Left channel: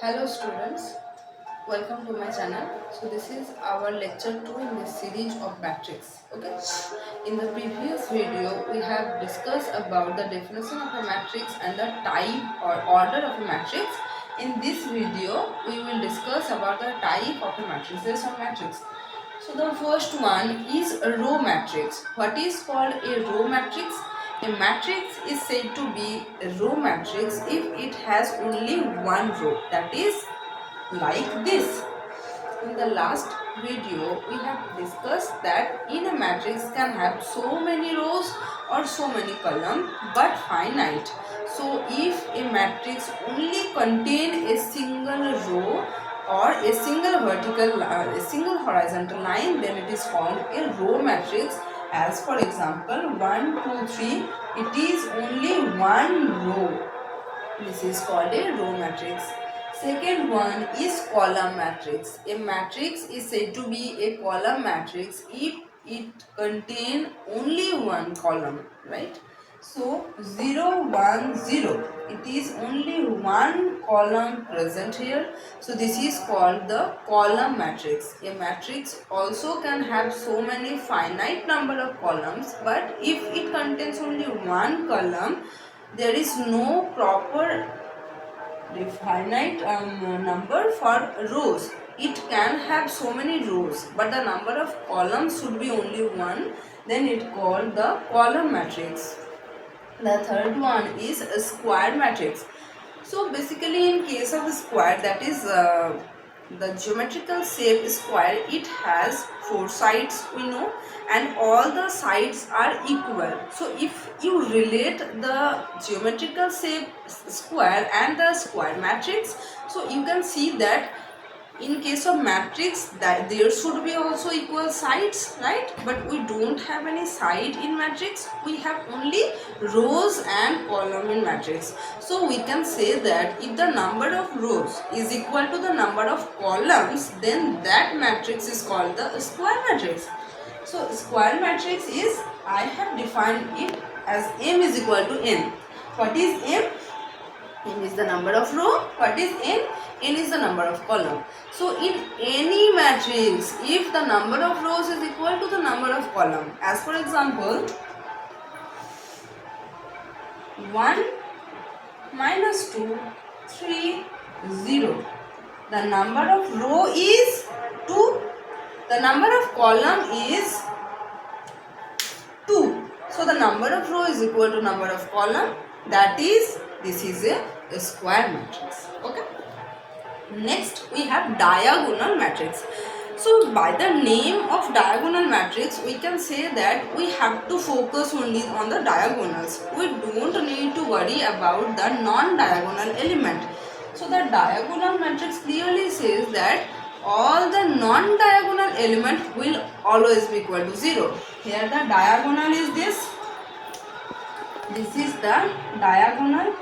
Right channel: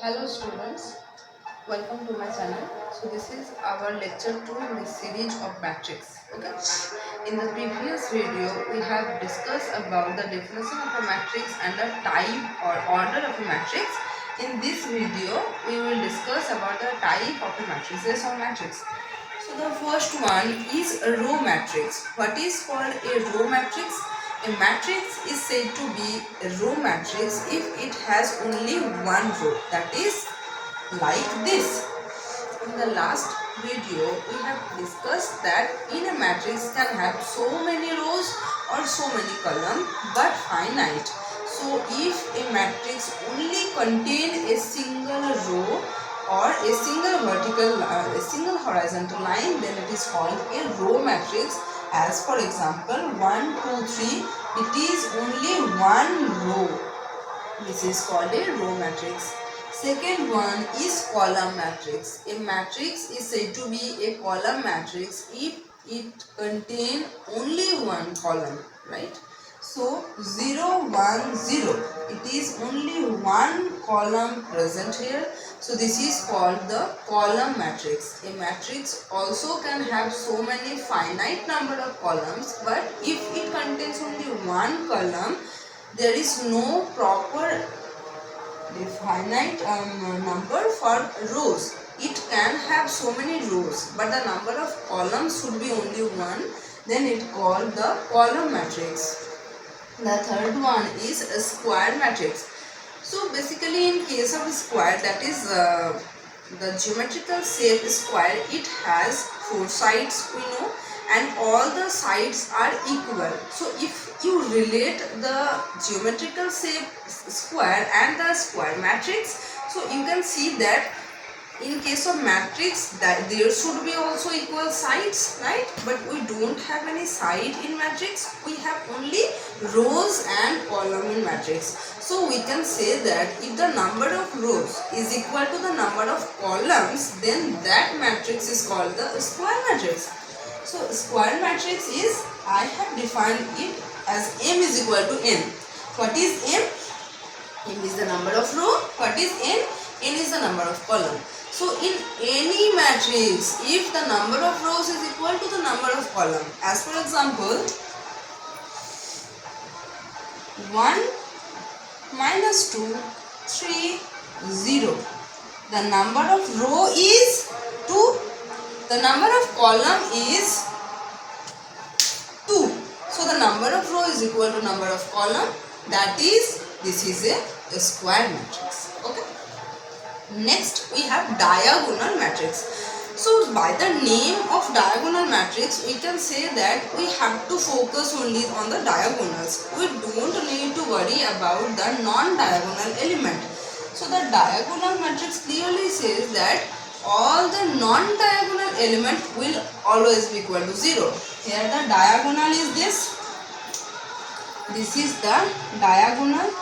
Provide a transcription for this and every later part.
Hello students, welcome to my channel. So this is our lecture 2 in the series of matrix. Okay. In the previous video we have discussed about the definition of a matrix and the type or order of a matrix. In this video we will discuss about the type of a matrices or matrix. So the first one is a row matrix. What is called a row matrix? A matrix is said to be a row matrix if it has only one row, that is like this. In the last video we have discussed that in a matrix can have so many rows or so many columns but finite. So if a matrix only contain a single row or a single a single horizontal line, then it is called a row matrix. As for example 1 2 3, it is only one row. This is called a row matrix. Second one is column matrix. A matrix is said to be a column matrix if it contain only one column, right? So 0 1 0, it is only one column present here. So this is called the column matrix. A matrix also can have so many finite number of columns, but if it contains only one column, there is no proper finite number for rows. It can have so many rows, but the number of columns should be only one. Then it called the column matrix. The third one is a square matrix. So basically in case of a square, that is the geometrical shape square, it has four sides, we know, and all the sides are equal. So if you relate the geometrical shape square and the square matrix, so you can see that in case of matrix that there should be also equal sides, right? But we don't have any side in matrix, we have only rows and column in matrix. So we can say that if the number of rows is equal to the number of columns, then that matrix is called the square matrix. So square matrix is, I have defined it as M is equal to N. What is M? M is the number of row. What is N? N is the number of column. So in any matrix, if the number of rows is equal to the number of column, as for example 1 minus 2 3 0, the number of row is 2, the number of column is 2. So the number of row is equal to number of column, that is, this is a square matrix. Okay. Next we have diagonal matrix. So by the name of diagonal matrix, we can say that we have to focus only on the diagonals. We don't need to worry about the non-diagonal element. So the diagonal matrix clearly says that all the non-diagonal element will always be equal to 0. Here the diagonal is this. This is the diagonal.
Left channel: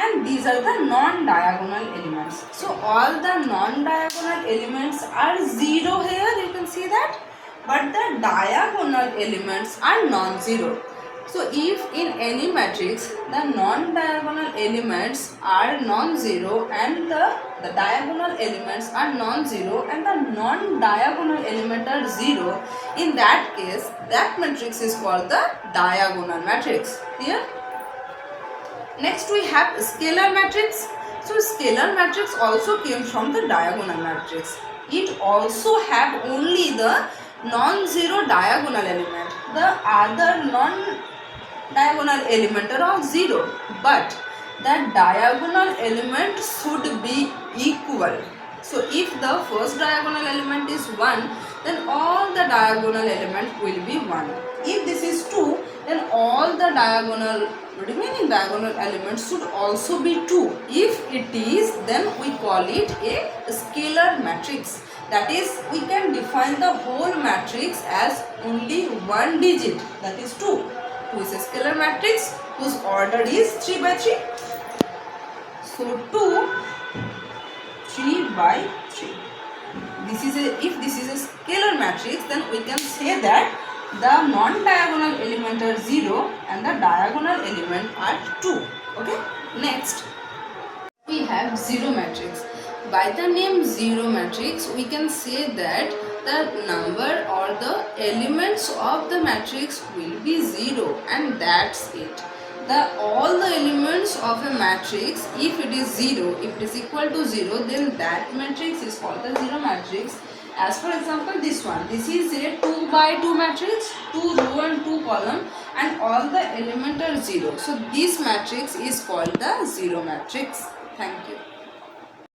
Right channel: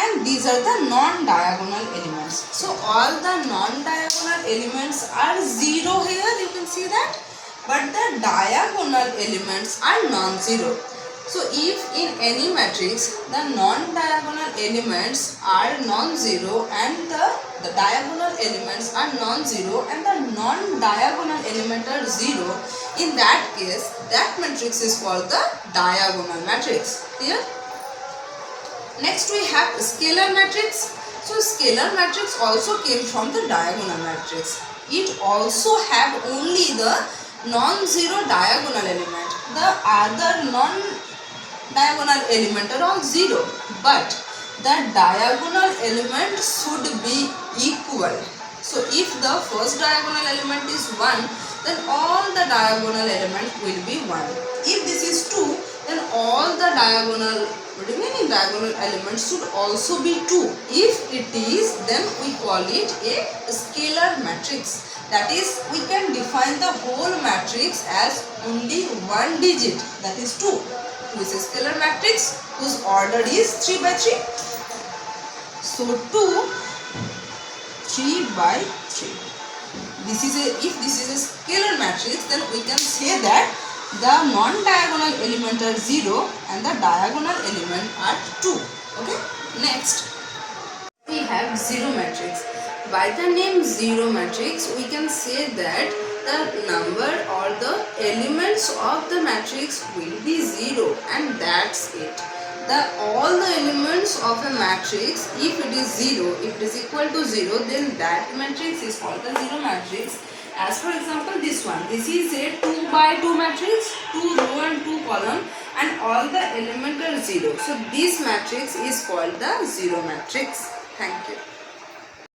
And these are the non-diagonal elements. So all the non-diagonal elements are 0 here, you can see that. But the diagonal elements are non-zero. So if in any matrix the non-diagonal elements are non-zero and the diagonal elements are non-zero and the non-diagonal element are 0, in that case that matrix is called the diagonal matrix. Clear? Next we have scalar matrix. So scalar matrix also came from the diagonal matrix. It also have only the non-zero diagonal element. The other non-diagonal element are all 0. But the diagonal element should be equal. So if the first diagonal element is 1, then all the diagonal element will be 1. If this is 2, then all the remaining diagonal elements should also be 2. If it is, then we call it a scalar matrix. That is, we can define the whole matrix as only one digit, that is 2. 2 is a scalar matrix whose order is 3 by 3. So 2 3 by 3. If this is a scalar matrix, then we can say that the non-diagonal element are 0 and the diagonal element are 2. Okay. Next we have zero matrix. By the name zero matrix, we can say that the number or the elements of the matrix will be zero, and that's it. All the elements of a matrix, if it is zero, if it is equal to zero, then that matrix is called the zero matrix. As for example, this one, this is a 2 by 2 matrix, 2 row and 2 column, and all the element are zero. So this matrix is called the zero matrix. Thank you.